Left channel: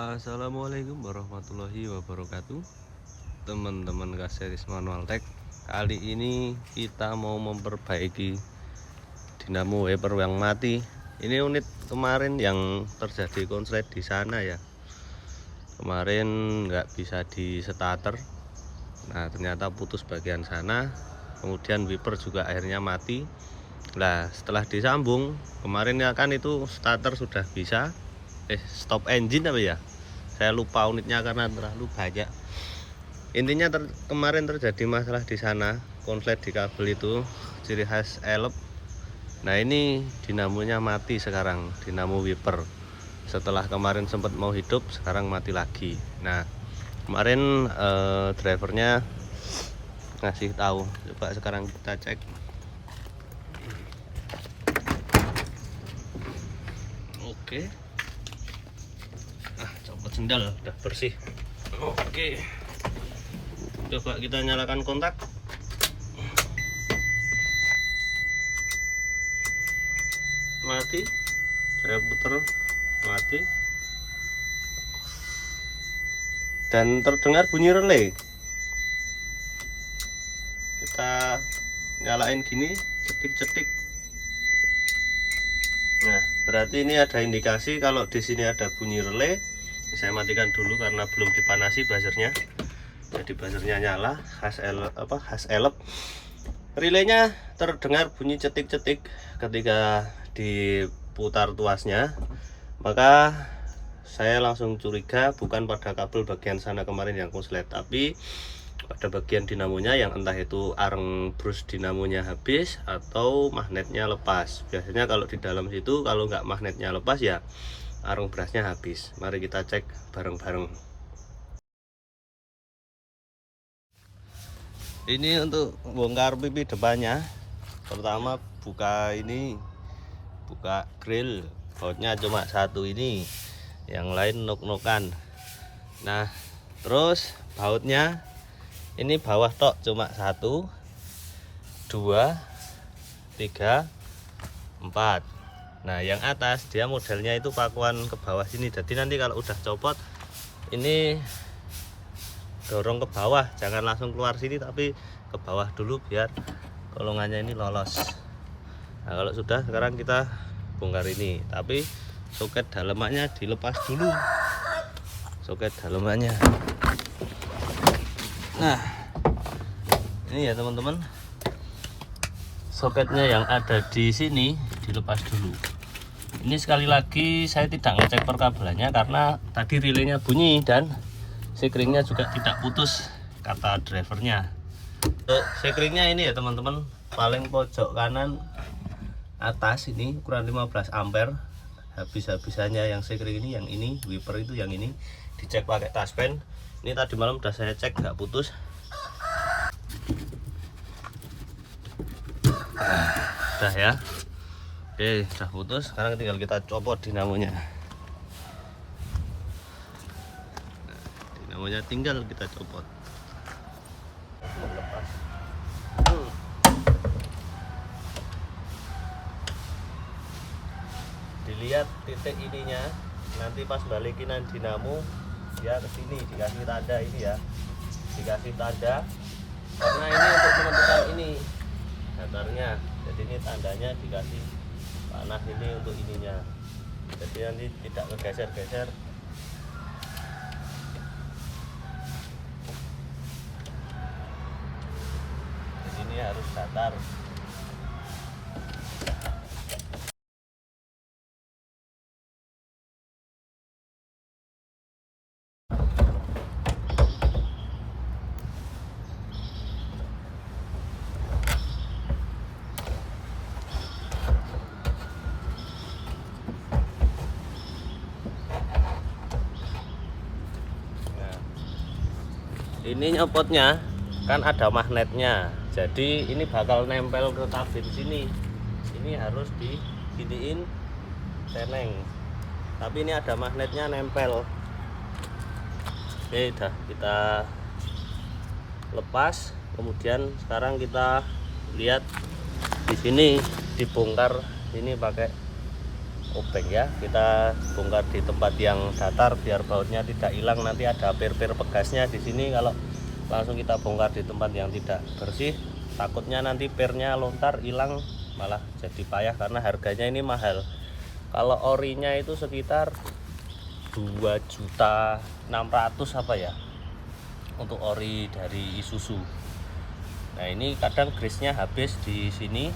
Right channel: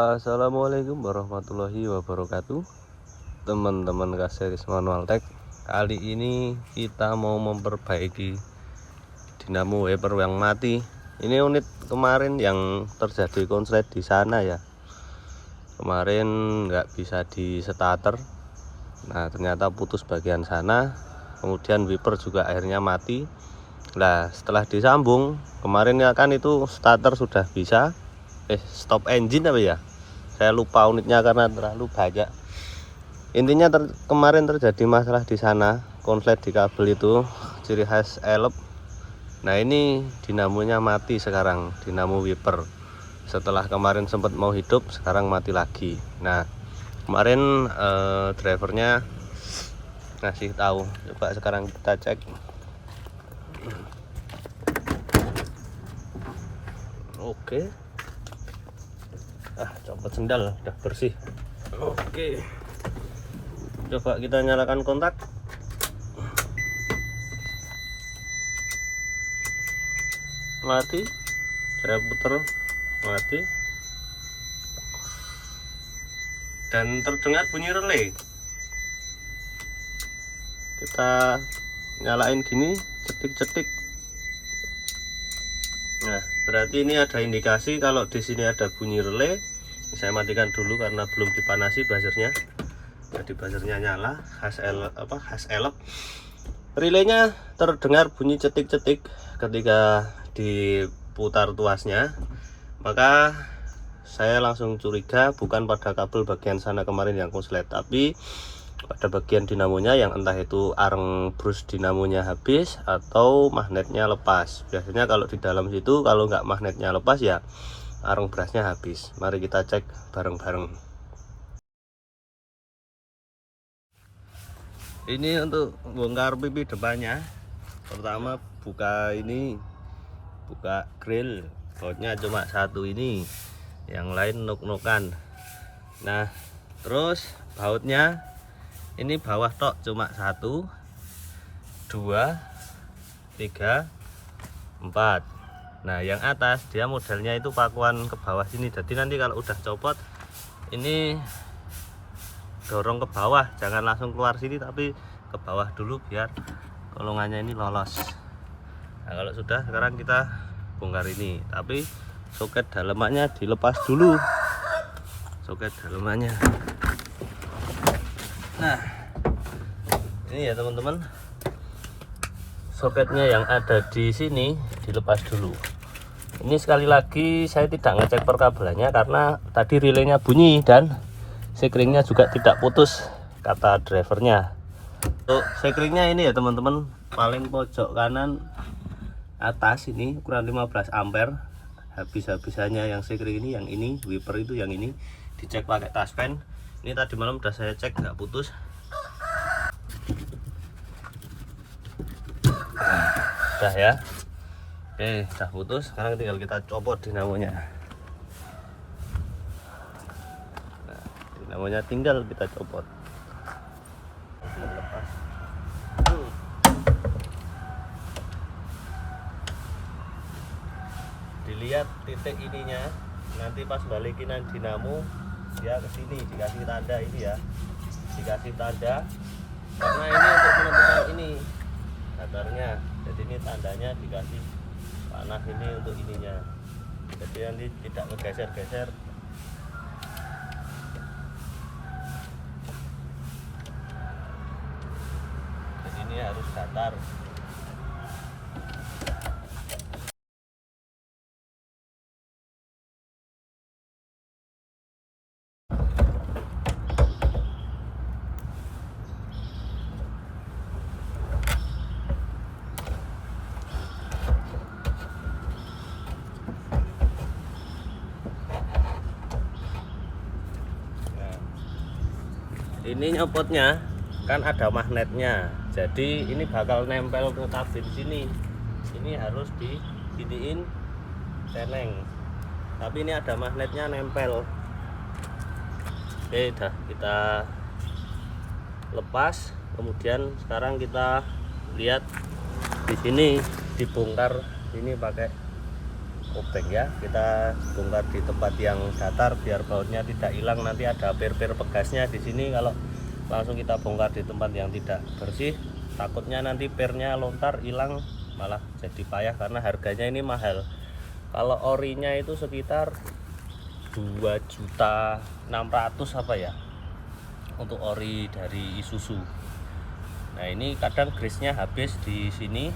Assalamualaikum warahmatullahi wabarakatuh, teman-teman Kaseris Manual Tech. Kali ini kita mau memperbaiki dinamo wiper yang mati. Ini unit kemarin yang terjadi konslet di sana ya. Kemarin nggak bisa di starter. Nah, ternyata putus bagian sana. Kemudian wiper juga akhirnya mati. Nah, setelah disambung kemarin ya kan itu starter sudah bisa. Stop engine apa ya? Saya lupa unitnya karena terlalu banyak. Intinya kemarin terjadi masalah di sana, konslet di kabel itu, ciri khas elep. Nah, ini dinamonya mati sekarang, dinamo wiper. Setelah kemarin sempat mau hidup, sekarang mati lagi. Nah, kemarin drivernya ngasih tahu. Coba sekarang kita cek. Oke. Copot sendal udah bersih. Oke, coba kita nyalakan kontak. Mati. Saya putar, mati. Dan terdengar bunyi relay. Kita nyalain gini, cetik-cetik. Nah, berarti ini ada indikasi kalau di sini ada bunyi relay. Saya matikan dulu karena belum dipanasi buzzernya. Jadi buzzernya nyala, khas elep. Relaynya terdengar bunyi cetik-cetik ketika diputar tuasnya. Maka saya langsung curiga bukan pada kabel bagian sana kemarin yang konslet, tapi pada bagian dinamonya yang entah itu areng brus dinamonya habis atau magnetnya lepas. Biasanya kalau di dalam situ kalau nggak magnetnya lepas ya areng brusnya habis. Mari kita cek bareng-bareng. Ini untuk bongkar pipi depannya. Pertama buka ini, buka grill, bautnya cuma satu ini, yang lain nuk-nukan. Nah, terus bautnya ini bawah tok cuma 1, 2, 3, 4. Nah, yang atas dia modelnya itu pakuan ke bawah sini. Jadi nanti kalau udah copot ini dorong ke bawah, jangan langsung keluar sini tapi ke bawah dulu biar kolongannya ini lolos. Nah, kalau sudah sekarang kita bongkar ini, tapi soket dalamannya dilepas dulu. Soket dalamannya. Nah, ini ya teman-teman, soketnya yang ada di sini dilepas dulu. Ini sekali lagi saya tidak ngecek perkabelannya karena tadi relaynya bunyi dan sekringnya juga tidak putus kata drivernya. Untuk sekringnya ini ya teman-teman, paling pojok kanan atas ini ukuran 15 ampere. Habis-habisannya yang sekring ini, yang ini wiper itu yang ini dicek pakai taspen. Ini tadi malam udah saya cek nggak putus. Udah ya. Oke, udah putus. Sekarang tinggal kita copot dinamonya. Nah, dinamonya tinggal kita copot. Lepas. Dilihat titik ininya, nanti pas balikin dinamo dia ke sini dikasih tanda ini ya, dikasih tanda karena ini untuk menentukan ini datarnya. Jadi ini tandanya dikasih panas ini untuk ininya, jadi nanti tidak ngegeser-geser. Jadi ini harus datar. Ini nyopotnya kan ada magnetnya, jadi ini bakal nempel ke kabin sini. Ini harus diginiin teneng, tapi ini ada magnetnya nempel. Oke, dah kita lepas. Kemudian sekarang kita lihat di sini dibongkar ini pakai obeng ya. Kita bongkar di tempat yang datar biar bautnya tidak hilang. Nanti ada per-per pegasnya di sini. Kalau langsung kita bongkar di tempat yang tidak bersih, takutnya nanti pernya lontar hilang, malah jadi payah karena harganya ini mahal. Kalau orinya itu sekitar 2.600.000 apa ya untuk ori dari Isuzu. Nah ini kadang grease-nya habis di sini,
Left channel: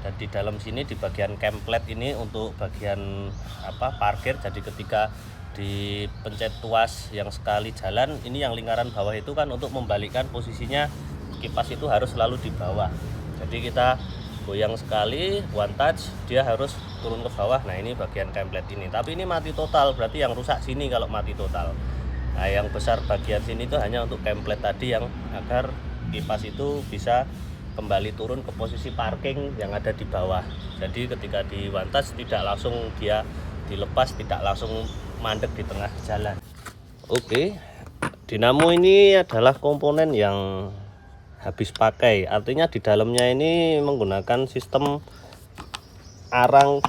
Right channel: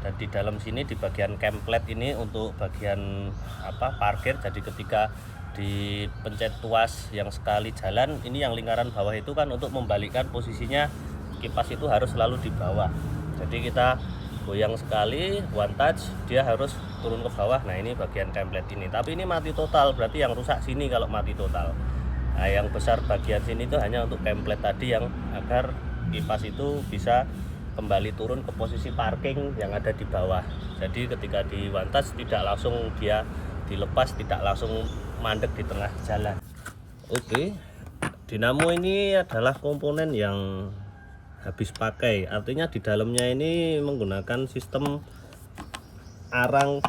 dan di dalam sini di bagian kemplet ini untuk bagian parkir. Jadi ketika dipencet tuas yang sekali jalan, ini yang lingkaran bawah itu kan untuk membalikkan posisinya kipas itu harus selalu di bawah. Jadi kita goyang sekali, one touch, dia harus turun ke bawah. Nah ini bagian kemplet ini, tapi ini mati total, berarti yang rusak sini kalau mati total. Nah yang besar bagian sini itu hanya untuk kemplet tadi, yang agar kipas itu bisa kembali turun ke posisi parking yang ada di bawah. Jadi ketika di one touch tidak langsung dia dilepas, tidak langsung mandek di tengah jalan. Oke, dinamo ini adalah komponen yang habis pakai, artinya di dalamnya ini menggunakan sistem arang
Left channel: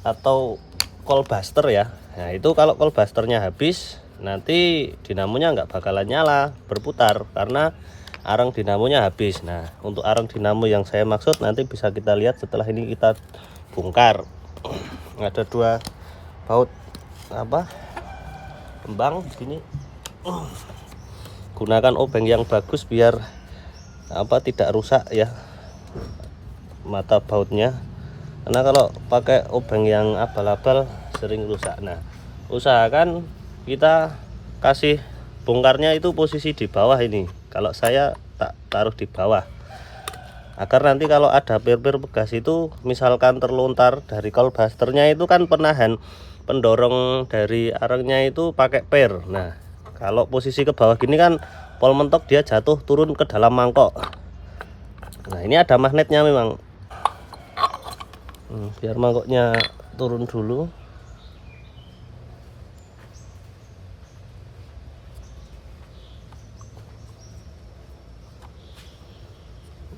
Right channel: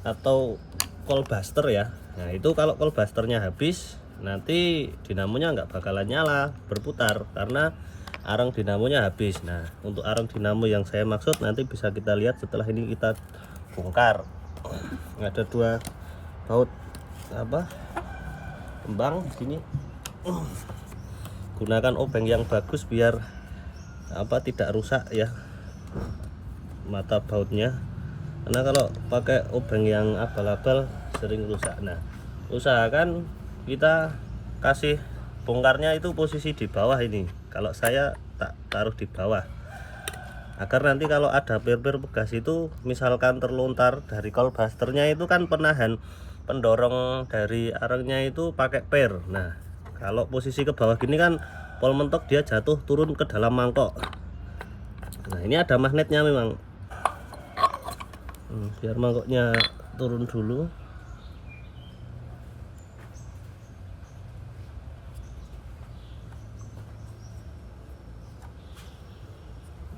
atau coil buster ya. Nah itu kalau coil busternya habis, nanti dinamonya nggak bakalan nyala berputar karena arang dinamonya habis. Nah untuk arang dinamo yang saya maksud nanti bisa kita lihat setelah ini kita bongkar. Ada 2 baut kembang di sini. Gunakan obeng yang bagus biar tidak rusak ya mata bautnya, karena kalau pakai obeng yang abal-abal sering rusak. Nah usahakan kita kasih bongkarnya itu posisi di bawah ini. Kalau saya tak taruh di bawah, agar nanti kalau ada per-per bekas itu misalkan terlontar dari coil busternya, itu kan penahan pendorong dari arangnya itu pakai per. Nah kalau posisi ke bawah gini kan pol mentok, dia jatuh turun ke dalam mangkok. Nah ini ada magnetnya memang. Biar mangkoknya turun dulu.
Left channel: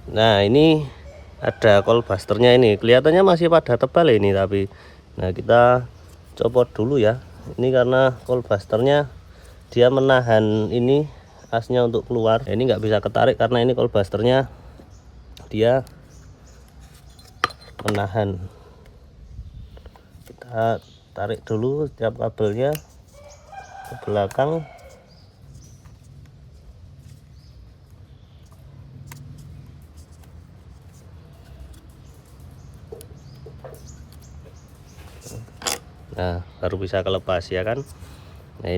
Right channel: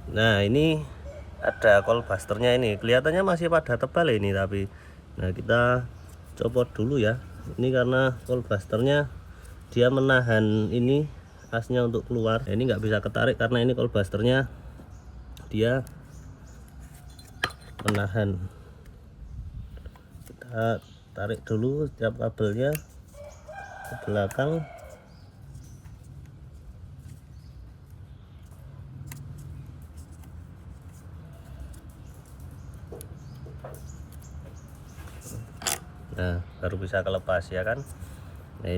Nah ini ada coil busternya, ini kelihatannya masih pada tebal ini, tapi nah kita copot dulu ya. Ini karena coil busternya dia menahan ini asnya untuk keluar. Nah, ini nggak bisa ketarik karena ini coil busternya dia menahan. Kita tarik dulu setiap kabelnya ke belakang. Nah baru bisa kelepas ya kan. Nah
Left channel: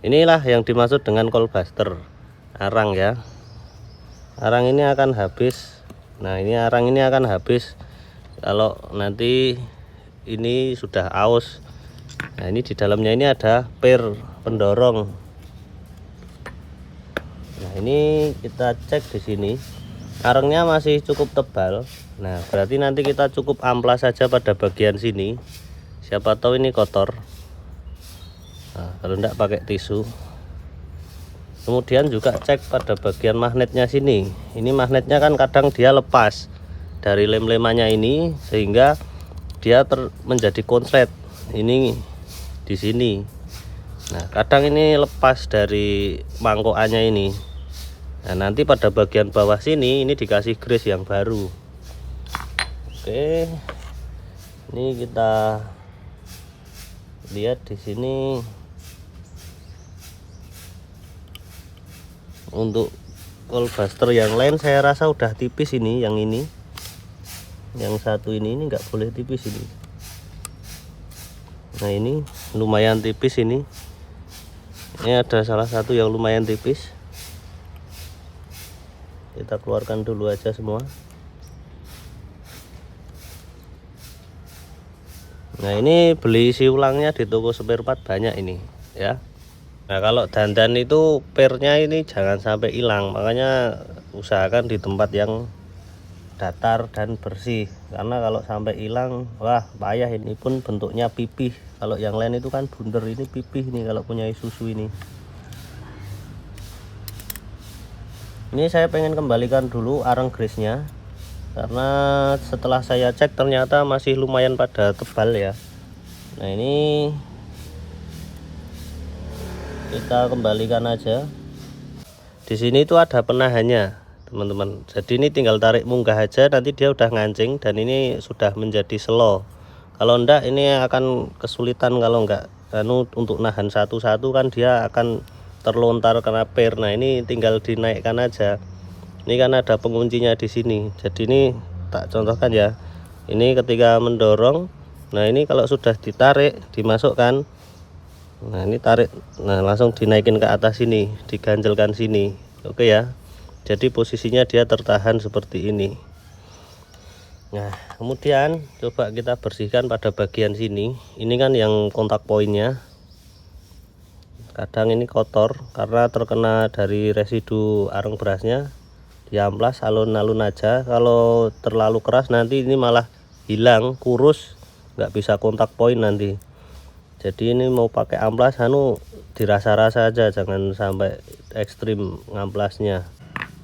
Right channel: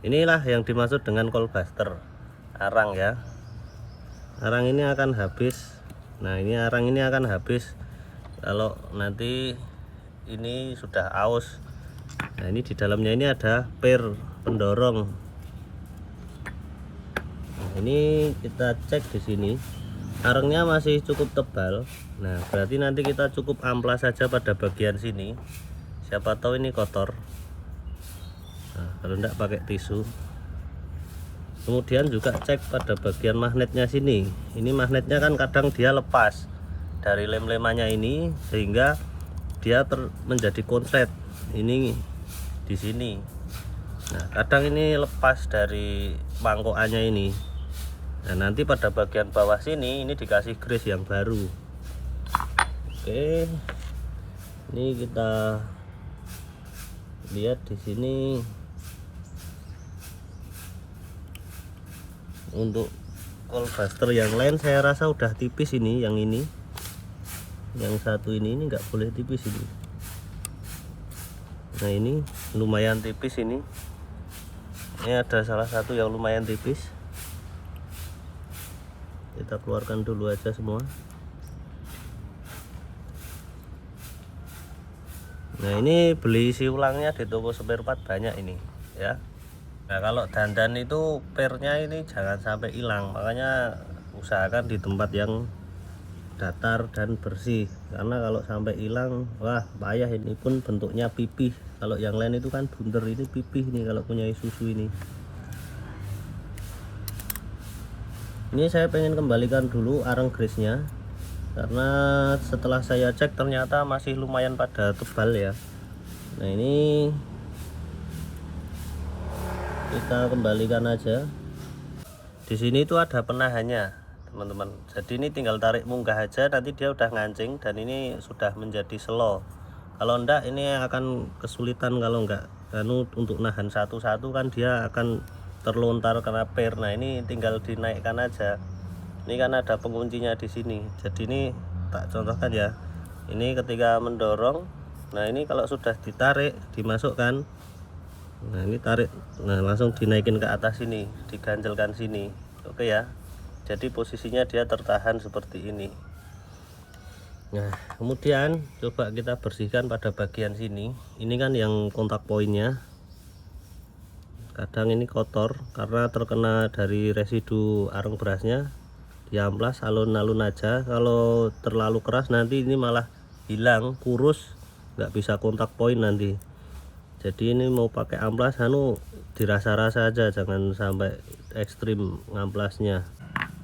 inilah yang dimaksud dengan coil buster, arang ya. Arang ini akan habis. Nah ini arang ini akan habis kalau nanti ini sudah aus. Nah ini di dalamnya ini ada per pendorong. Nah ini kita cek di sini, arangnya masih cukup tebal. Nah berarti nanti kita cukup amplas saja pada bagian sini, siapa tahu ini kotor. Nah, kalau enggak pakai tisu. Kemudian juga cek pada bagian magnetnya sini. Ini magnetnya kan kadang dia lepas dari lem-lemannya ini, sehingga dia menjadi konslet ini di sini. Nah kadang ini lepas dari mangkokannya ini. Nah nanti pada bagian bawah sini ini dikasih grease yang baru. Oke, ini kita lihat di sini. Untuk coil buster yang lain saya rasa udah tipis ini, yang satu ini nggak boleh tipis ini. Nah ini lumayan tipis ini. Ini ada salah satu yang lumayan tipis. Kita keluarkan dulu aja semua. Nah ini beli isi ulangnya di toko spare part banyak ini ya. Nah kalau dandan itu pernya ini jangan sampai hilang, makanya usahakan di tempat yang datar dan bersih, karena kalau sampai hilang wah payah. Ini pun bentuknya pipih, kalau yang lain itu kan bundar, ini pipih nih kalau punya Isuzu ini. Ini saya pengen kembalikan dulu arang grease-nya karena setelah saya cek ternyata masih lumayan pada tebal ya. Nah ini kita kembalikan aja. Di sini itu ada penahannya teman-teman, jadi ini tinggal tarik munggah aja, nanti dia udah ngancing dan ini sudah menjadi slow. Kalau enggak ini akan kesulitan kalau enggak untuk nahan satu-satu, kan dia akan terlontar kena per. Nah ini tinggal dinaikkan aja. Ini kan ada penguncinya di sini, jadi ini tak contohkan ya. Ini ketika mendorong, nah ini kalau sudah ditarik dimasukkan, nah ini tarik, nah langsung dinaikin ke atas sini, diganjelkan sini. Oke ya, jadi posisinya dia tertahan seperti ini. Nah kemudian coba kita bersihkan pada bagian sini. Ini kan yang kontak poinnya, kadang ini kotor karena terkena dari residu areng berasnya. Diamplas alun-alun aja, kalau terlalu keras nanti ini malah hilang, kurus, nggak bisa kontak poin nanti. Jadi ini mau pakai amplas dirasa-rasa aja, jangan sampai ekstrim ngamplasnya.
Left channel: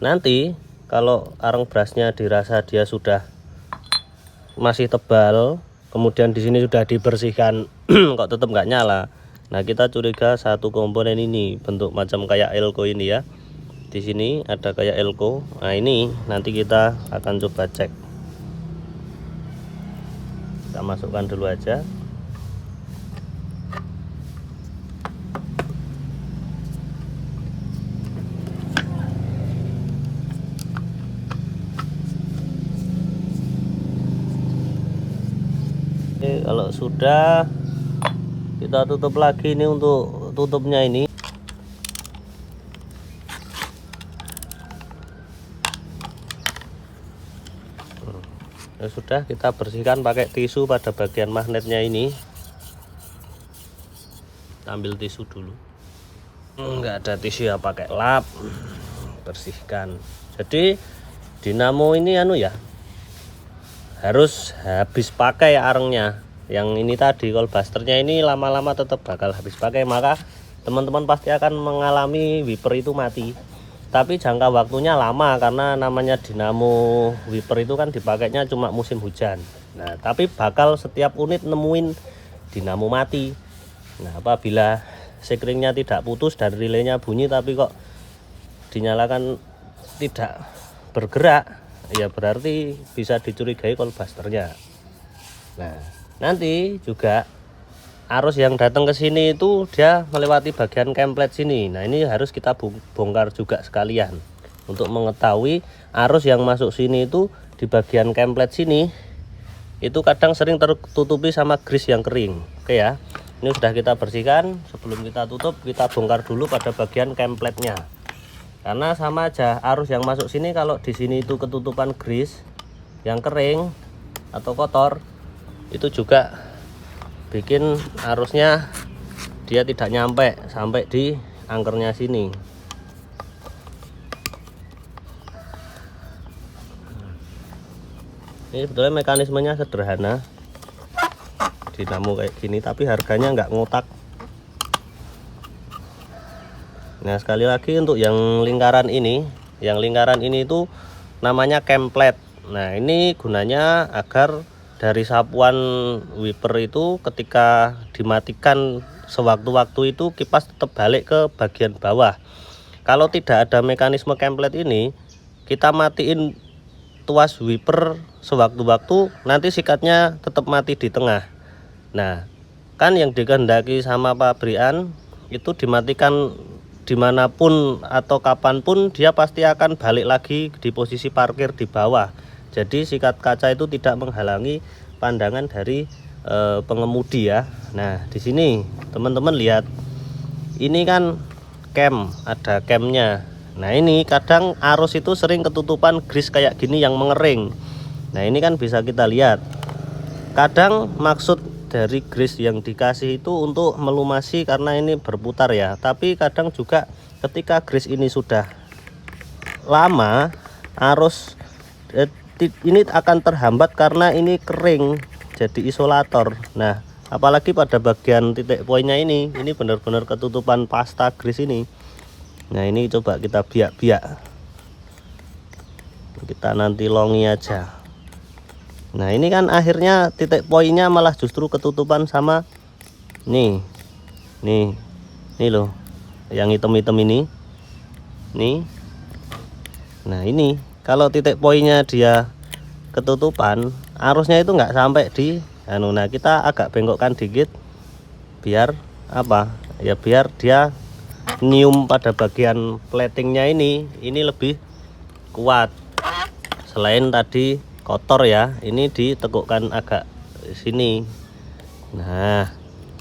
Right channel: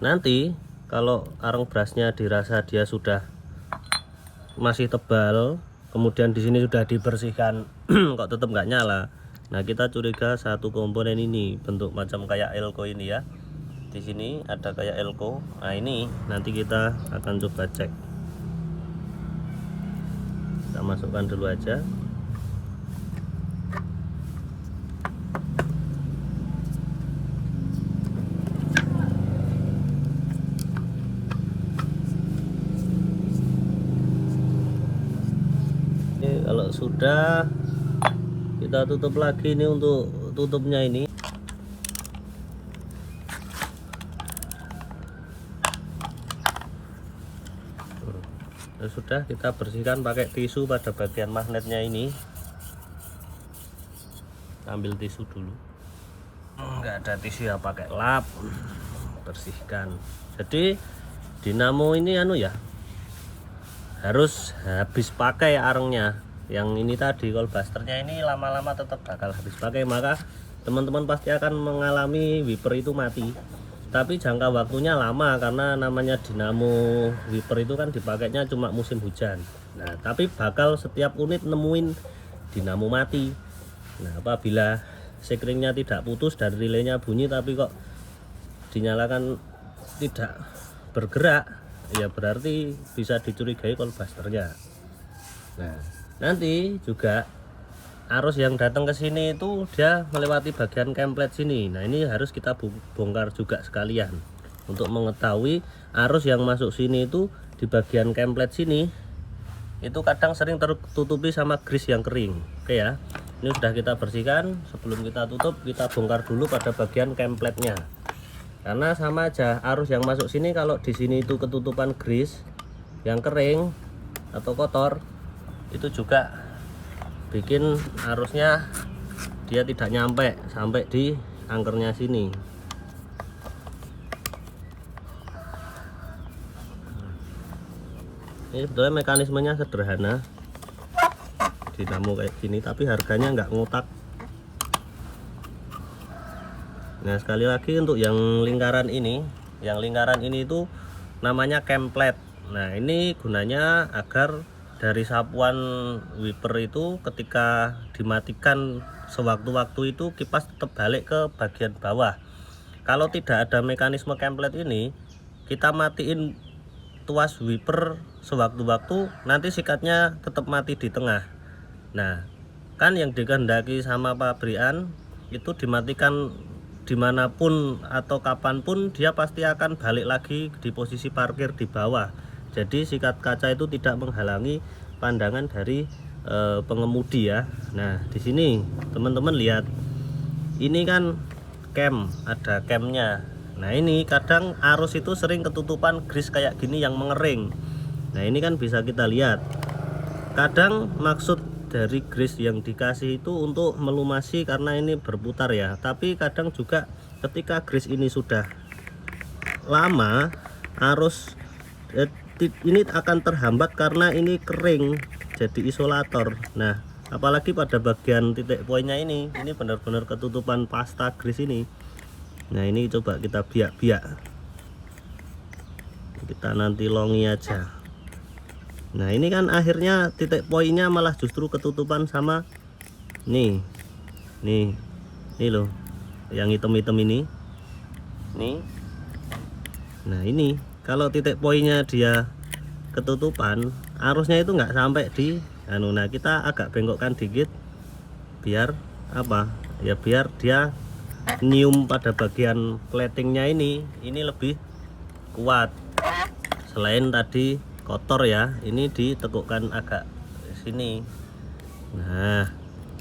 Nanti kalau areng berasnya dirasa dia sudah masih tebal, kemudian di sini sudah dibersihkan kok tetap nggak nyala, nah kita curiga satu komponen ini bentuk macam kayak elko ini ya. Di sini ada kayak elko. Nah ini nanti kita akan coba cek. Kita masukkan dulu aja. Oke, kalau sudah kita tutup lagi. Ini untuk tutupnya ini. Ya sudah, kita bersihkan pakai tisu pada bagian magnetnya ini. Ambil tisu dulu, nggak ada tisu ya pakai lap, bersihkan. Jadi dinamo ini ya harus habis pakai arengnya. Yang ini tadi kolbusternya ini lama-lama tetap bakal habis pakai, maka teman-teman pasti akan mengalami wiper itu mati. Tapi jangka waktunya lama karena namanya dinamo wiper itu kan dipakainya cuma musim hujan. Nah tapi bakal setiap unit nemuin dinamo mati. Nah apabila sekringnya tidak putus dan relaynya bunyi tapi kok dinyalakan tidak bergerak, ya berarti bisa dicurigai kolbusternya. Nah nanti juga arus yang datang ke sini itu dia melewati bagian kemplet sini. Nah ini harus kita bongkar juga sekalian untuk mengetahui arus yang masuk sini itu di bagian kemplet sini itu kadang sering tertutupi sama grease yang kering. Oke ya, ini sudah kita bersihkan. Sebelum kita tutup, kita bongkar dulu pada bagian kempletnya, karena sama aja arus yang masuk sini kalau di sini itu ketutupan grease yang kering atau kotor, itu juga bikin arusnya dia tidak nyampe sampai di angkernya sini. Ini sebetulnya mekanismenya sederhana, dinamo kayak gini, tapi harganya nggak ngotak. Nah sekali lagi untuk yang lingkaran ini itu namanya kemplet. Nah ini gunanya agar dari sapuan wiper itu ketika dimatikan sewaktu-waktu itu kipas tetap balik ke bagian bawah. Kalau tidak ada mekanisme kemplet ini, kita matiin tuas wiper sewaktu-waktu, nanti sikatnya tetap mati di tengah. Nah kan yang dikehendaki sama pabrikan itu dimatikan dimanapun atau kapanpun, dia pasti akan balik lagi di posisi parkir di bawah. Jadi sikat kaca itu tidak menghalangi pandangan dari pengemudi ya. Nah di sini teman-teman lihat, ini kan cam, ada camnya. Nah ini kadang arus itu sering ketutupan grease kayak gini yang mengering. Nah ini kan bisa kita lihat, kadang maksud dari grease yang dikasih itu untuk melumasi karena ini berputar ya, tapi kadang juga ketika grease ini sudah lama, arus ini akan terhambat karena ini kering jadi isolator. Nah apalagi pada bagian titik poinnya ini benar-benar ketutupan pasta grease ini. Nah ini coba kita biak-biak, kita nanti longi aja. Nah ini kan akhirnya titik poinnya malah justru ketutupan sama nih loh, yang hitam-hitam ini nih. Nah ini kalau titik poinnya dia ketutupan, arusnya itu nggak sampai di nah kita agak bengkokkan dikit biar apa ya, biar dia nyium pada bagian platingnya ini lebih kuat. Selain tadi kotor ya, ini ditekukkan agak di sini. Nah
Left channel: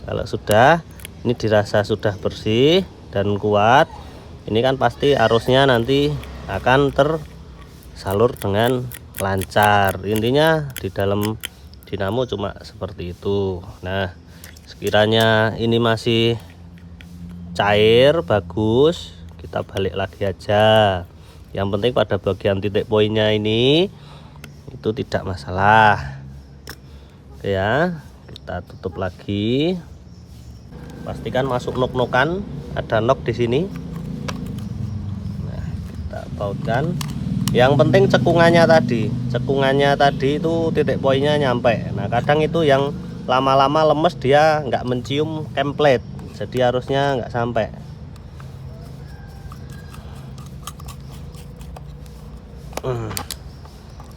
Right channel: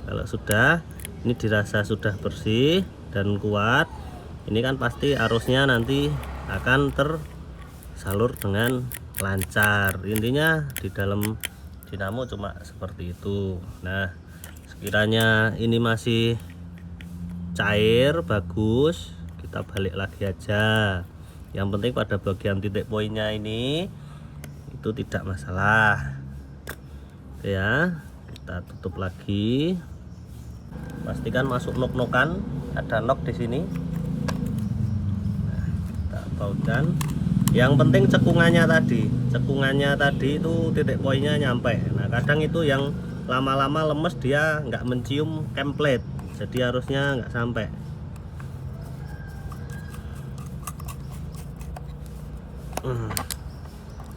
kalau sudah ini dirasa sudah bersih dan kuat, ini kan pasti arusnya nanti akan tersalur dengan lancar. Intinya di dalam dinamo cuma seperti itu. Nah sekiranya ini masih cair bagus, kita balik lagi aja. Yang penting pada bagian titik poinnya ini itu tidak masalah ya. Kita tutup lagi, pastikan masuk nok-nokan, ada nok di sini. Nah, kita bautkan. Yang penting cekungannya tadi itu titik poinnya nyampe. Nah kadang itu yang lama-lama lemes, dia nggak mencium template, jadi harusnya nggak sampai.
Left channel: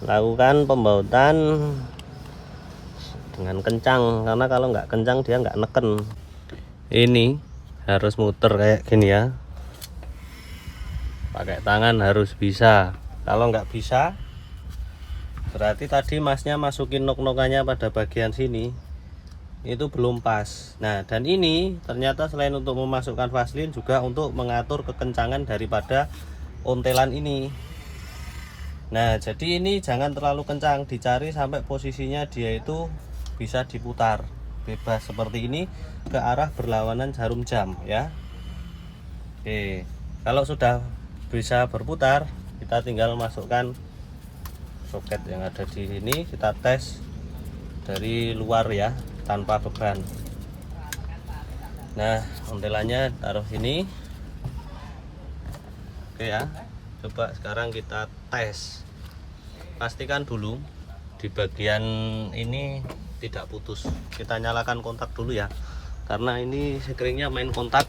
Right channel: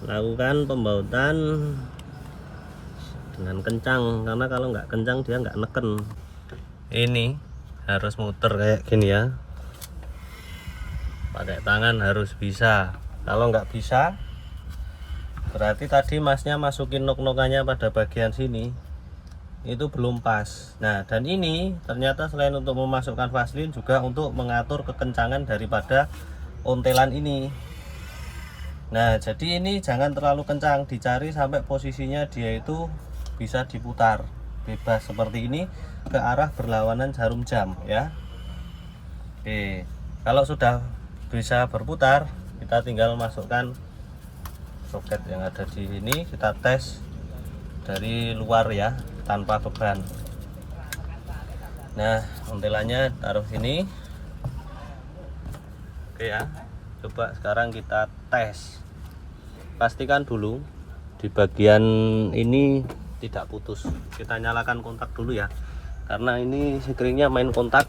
Lakukan pembautan dengan kencang, karena kalau nggak kencang dia nggak neken. Ini harus muter kayak gini ya, pakai tangan harus bisa. Kalau nggak bisa berarti tadi masnya masukin nok-nokannya pada bagian sini itu belum pas. Nah dan ini ternyata selain untuk memasukkan vaselin juga untuk mengatur kekencangan daripada ontelan ini. Nah jadi ini jangan terlalu kencang, dicari sampai posisinya dia itu bisa diputar bebas seperti ini ke arah berlawanan jarum jam ya. Oke, kalau sudah bisa berputar, kita tinggal masukkan soket yang ada di sini, kita tes dari luar ya, tanpa beban. Nah ontelannya taruh sini. Oke ya, coba sekarang kita tes. Pastikan dulu di bagian ini tidak putus. Kita nyalakan kontak dulu ya, karena ini screennya main kontak,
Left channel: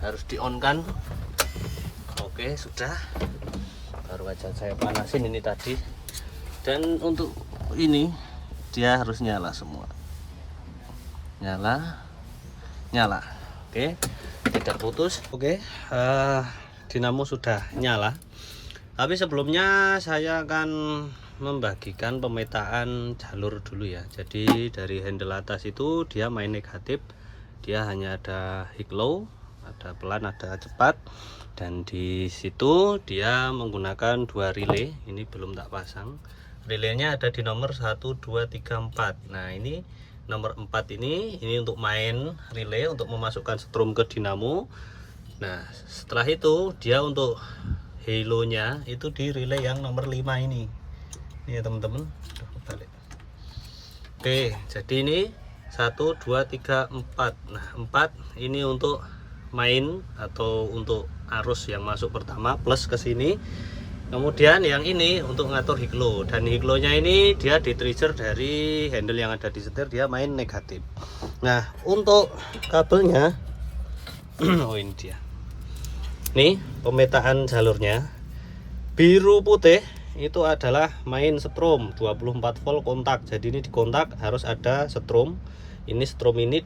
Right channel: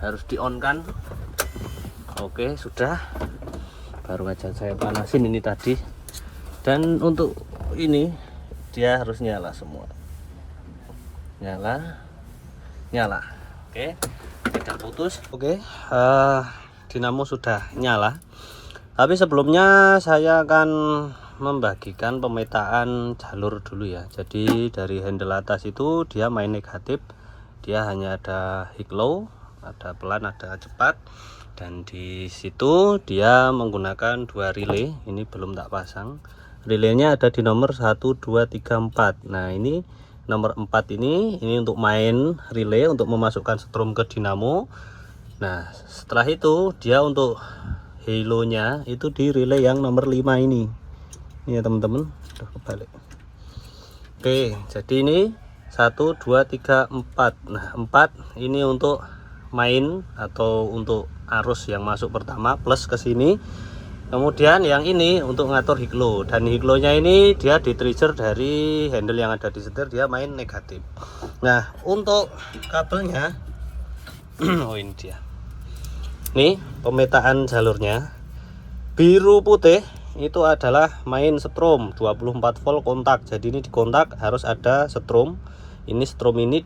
harus di on kan. Oke sudah, baru aja saya panasin ini tadi. Dan untuk ini dia harus nyala semua, nyala. Oke, tidak putus. Oke, dinamo sudah nyala. Tapi sebelumnya saya akan membagikan pemetaan jalur dulu ya. Jadi dari handle atas itu dia main negatif, dia hanya ada high low, ada pelan, ada cepat. Dan di situ dia menggunakan 2 relay. Ini belum tak pasang. Relaynya ada di nomor 1, 2, 3, 4. Nah ini nomor 4 ini untuk main relay, untuk memasukkan strom ke dinamo. Nah setelah itu dia untuk halo-nya itu di relay yang nomor 5 ini ya teman-teman. Kebalik. Oke, jadi ini 1, 2, 3, 4. Nah 4 ini untuk main atau untuk arus yang masuk pertama plus ke sini. Kemudian yang ini untuk ngatur higlo, dan higlonya ini dia di trigger dari handle yang ada di setir, dia main negatif. Nah untuk kabelnya oh ini dia. Nih pemetaan jalurnya, biru putih itu adalah main strom 24 volt kontak. Jadi ini di kontak harus ada strom. Ini strom ini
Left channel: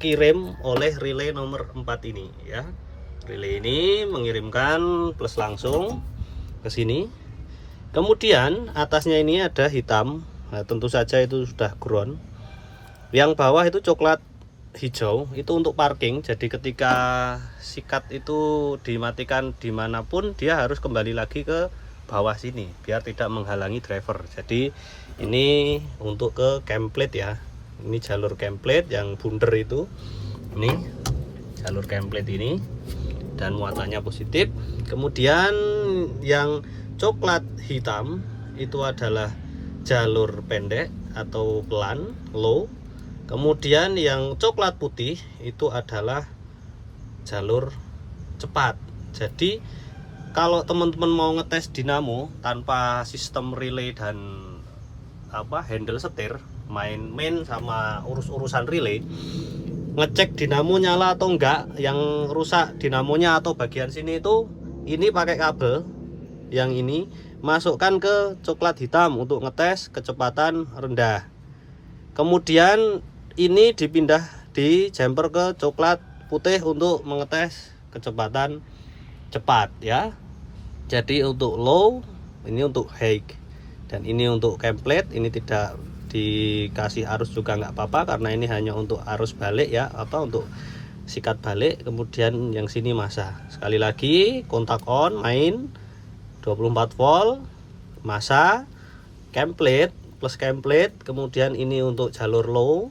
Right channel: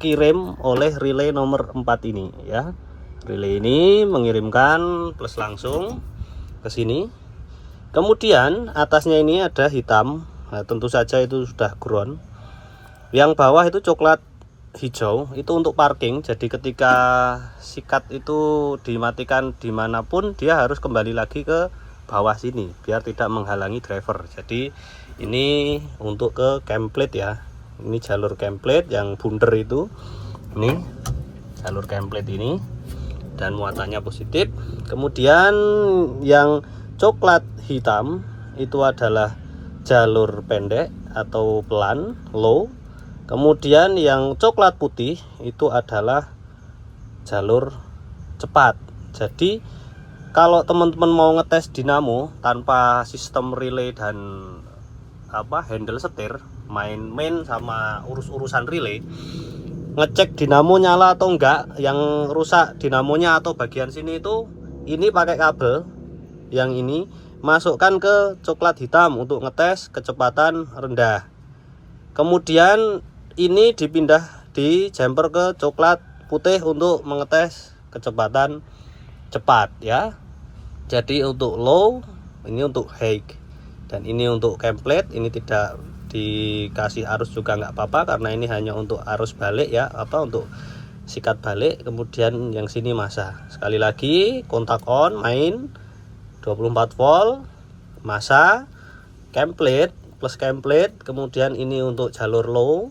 dikirim oleh relay nomor 4 ini ya. Relay ini mengirimkan plus langsung ke sini. Kemudian atasnya ini ada hitam. Nah, tentu saja itu sudah ground. Yang bawah itu coklat hijau, itu untuk parking. Jadi ketika sikat itu dimatikan dimanapun, dia harus kembali lagi ke bawah sini biar tidak menghalangi driver. Jadi ini untuk ke template ya. Ini jalur template yang bundar itu. Ini jalur template ini dan muatannya positif. Kemudian yang coklat hitam itu adalah jalur pendek atau pelan, low. Kemudian yang coklat putih itu adalah jalur cepat. Jadi kalau teman-teman mau ngetes dinamo tanpa sistem relay dan handle setir, main sama urus-urusan relay, ngecek dinamo nyala atau enggak, yang rusak dinamonya atau bagian sini itu, ini pakai kabel yang ini masukkan ke coklat hitam untuk ngetes kecepatan rendah. Kemudian ini dipindah di jumper ke coklat putih untuk mengetes kecepatan cepat ya. Jadi untuk low, ini untuk high, dan ini untuk template. Ini tidak dikasih arus juga nggak apa-apa karena ini hanya untuk arus balik ya, untuk sikat balik. Kemudian yang sini masa. Sekali lagi kontak on, main 24 volt, masa, template plus template. Kemudian ini untuk jalur low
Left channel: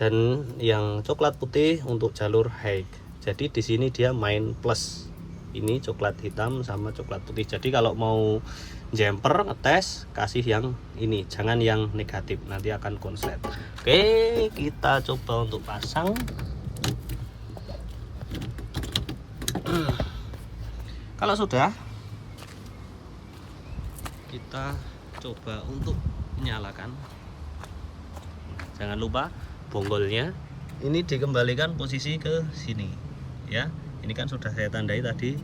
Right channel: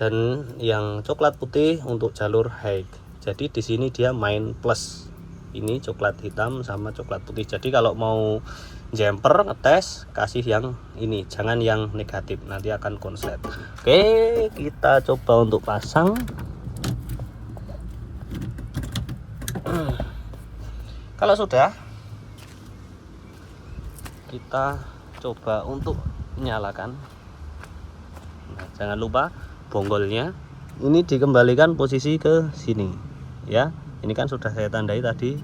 dan yang coklat putih untuk jalur high. Jadi di sini dia main plus. Ini coklat hitam sama coklat putih. Jadi kalau mau jumper ngetes, kasih yang ini, jangan yang negatif, nanti akan konslet. Oke, kita coba untuk pasang. Kalau sudah, kita coba untuk menyalakan. Nah, jangan lupa bonggolnya ini dikembalikan posisi ke sini ya. Ini kan sudah saya tandai tadi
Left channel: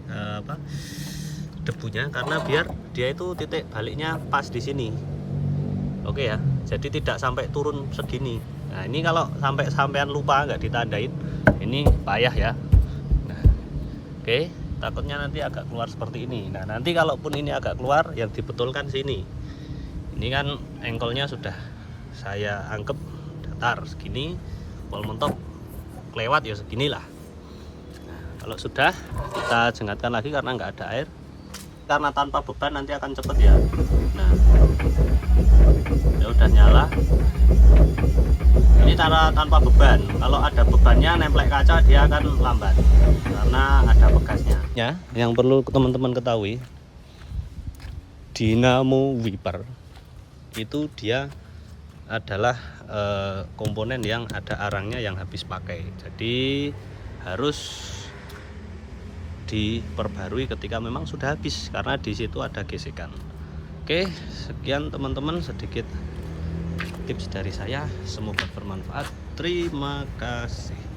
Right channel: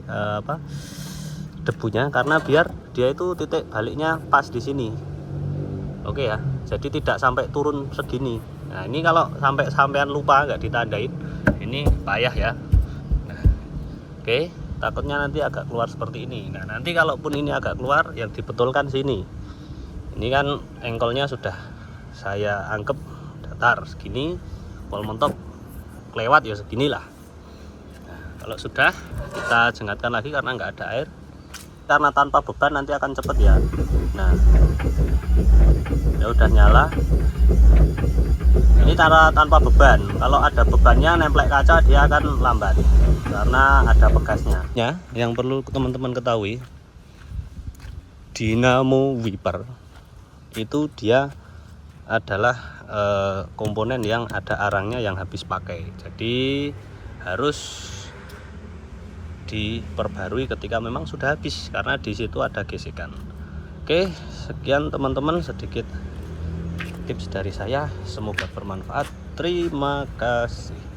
debunya, karena biar dia itu titik baliknya pas di sini. Oke ya, jadi tidak sampai turun segini. Nah ini kalau sampean lupa nggak ditandain, ini payah ya. Nah, oke, takutnya nanti agak keluar seperti ini. Nah nanti kalaupun ini agak keluar, yang dibetulkan sini. Ini kan engkolnya sudah saya anggap datar segini, pol mentok kelewat ya seginilah. Kalau sudah, kita jengatkan lagi karena nggak ada air, karena tanpa beban nanti akan cepet ya. Nah ya udah nyala. Ini cara tanpa beban. Kalau ada bebannya nemplek kaca, dia akan lambat karena ada pegasnya ya. Yang perlu teman-teman ketahui, dinamo wiper itu dia adalah komponen yang ada arangnya yang habis pakai. Jadi harus diperbarui ketika memang sudah habis, karena di situ ada gesekan. Oke, sekian teman-teman, sedikit tips dari saya, semoga bermanfaat. Terima kasih.